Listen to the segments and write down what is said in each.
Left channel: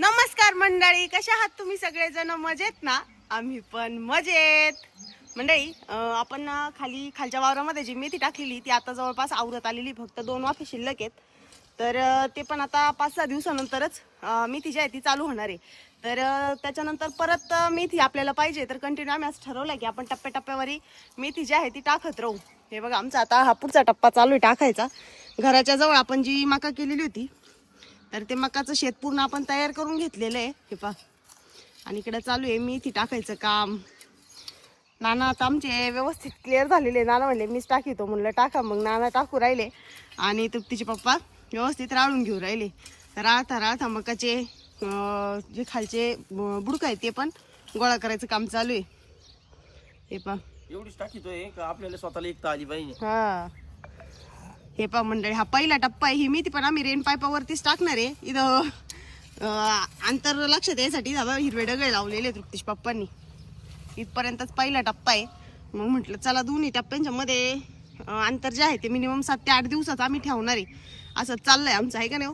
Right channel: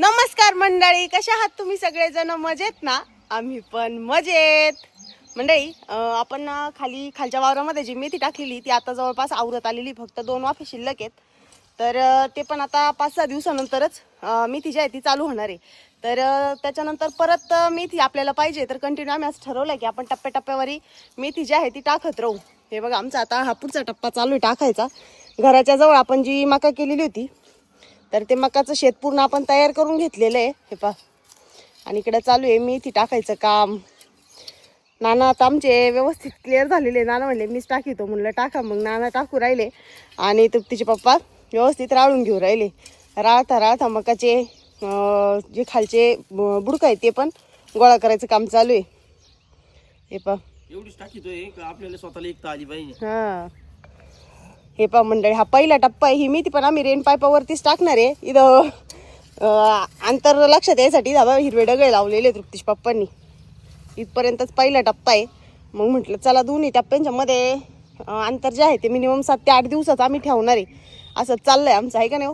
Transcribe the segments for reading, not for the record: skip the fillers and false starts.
नमस्कार मंडळी, कशा आहात तुम्ही सगळेजण? मजेत ना? आम्ही पण मजेत. मंडळी आपण खालच्या वावरामध्ये जी मेथी टाकलेली ती आता जवळपास आवरत आलेली, फक्त 2 वाफे शिल्लक आहेत. तर ते पण आता 5-6 दिवसानंतरच मेथी जी आहे ती चालू होणार आहे. तर त्याच्यानंतर परत मेथी आपल्याला पाहिजे तर कंटिन्यू आम्ही असं ठरवलं की आपण टप्प्याटप्प्यावरी मेथी जी आहे ती टाकत राहू. हे बघा, आमचा आता हा पुढचा टप्पा चालू आहे टाकायचा. घराच्या जवळ आपण जी मका केलेली होती तर ते मकाचं शेत पूर्ण आपण तयार करून घेतलेलं आहे. हे पहा, आणि इकडे चालू आहे मेथी टाकायचं काम. नाना आता आमचे व्यवस्थित क्लिअर झालेले. नाना म्हणले मीच टाकीतो, म्हणलं टाका. मग नाना टाकू राहिले आणि तिचे पप्पा व्यवस्थित राळून घेऊ राहिले. राळता मकाचे जे खालचे बुडका आहे ते पण गोळा करायचं काम चालू आहे. हे पहा, एवढीच टाकीतोय का आपल्याला स्वतःला एक आली पाहिजे. हा, हे पहा मंडळी, हा पहिला टप्पा आहे. ही मेथी पण आम्ही रेन पाईपावरतीच टाकणार आहे. इथं अंतर लक्षात यायसाठी हिरवे डगळे लावलेले तृप्तीश पप्पांनी. इथपर्यंतच पहिला टप्पा आहे. मग म्हटलं चला दोन्ही टप्प्यांच्या मध्ये अंतर जे आहे ते मिनिमम 7 ते 8 दिवसाचं आम्ही ठेवणार आहे. असं चाललंय आमचं, आहे का नाही?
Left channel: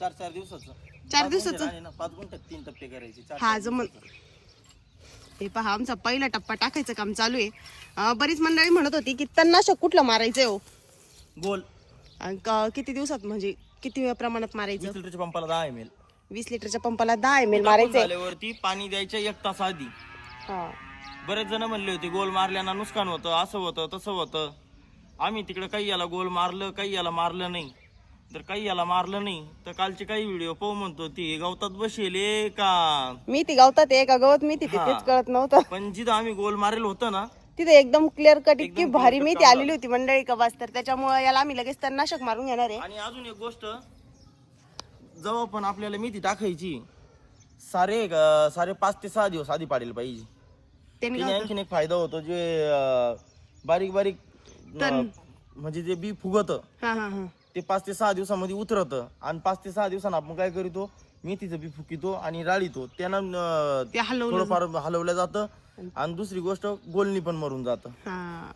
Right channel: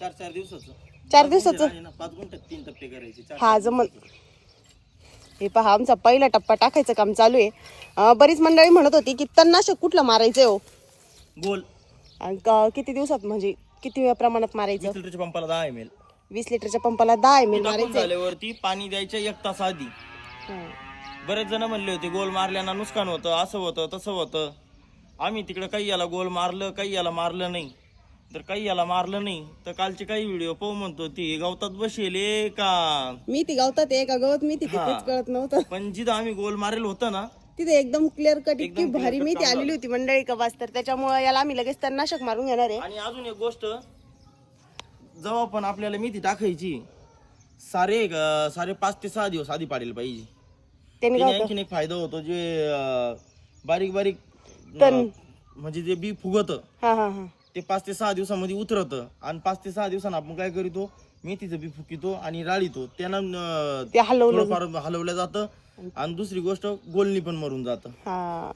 4 दिवसाचं 4 दिवसाचं 5 गुंठ्यात 3 टप्पे करायचे. हा जमन. हे पहा, आमचा पहिला टप्पा टाकायचं काम चालू आहे. बरीच मंडळी म्हणत होती की तणनाशक कुठलं मारायचंय हो गोल. किती दिवसात, म्हणजे किती प्रमाणात मारायचं? 20 लिटरच्या पंपाला 10 ml. 20 लिटरच्या पंपाला 10 ml मारायचं. झाल्यावरती पाणी द्यायचं 1 तास आधी. बरेच जण म्हणले होते गोल मारल्यानं नुकसान होतं, असं होतं तसं होतं. आम्ही तिकडे काही याला गोल मारलं, काही याला मारलं नाही. तर काही याला मारलं नाही तर कालचे काही व्हिडिओ पाहू म्हणतो ती गवतात बसेले का मी ती गवतात आहे का गवत मी तिथे तेच कळत नव्हतं. पण जिथं आम्ही गोल मारेल होतं ना तिथे एकदम क्लिअर कट इतकी एकदम भारी clear cut मेथी काम आलेली होती मंडळी का बस. तर त्याच्यामुळे याला आम्ही लगेच तणनाशक मारून घेणार आहे. आणि अजून एक गोष्ट, जेव्हा पण आपल्याला मेथी टाकायची सारे 5 ते 6 दिवस आधी पाडेल पाहिजे. त्याने त्याने काय आणखीन एक फायदा होतो, जे बारीक बारीक तण. म्हणजे जे बी फुगत हा हा हा ते 5 ते 6 दिवसामध्ये उतरत. आणि 5 ते 6 दिवसांना आपण काय करीतो, मेथीचं बी फुकितो आणि राळीतो. त्यानं ते हलवलं थोडंफार हलवलं जातं. आणि दुसरी गोष्ट, गोलनी पण मरून जातं. हा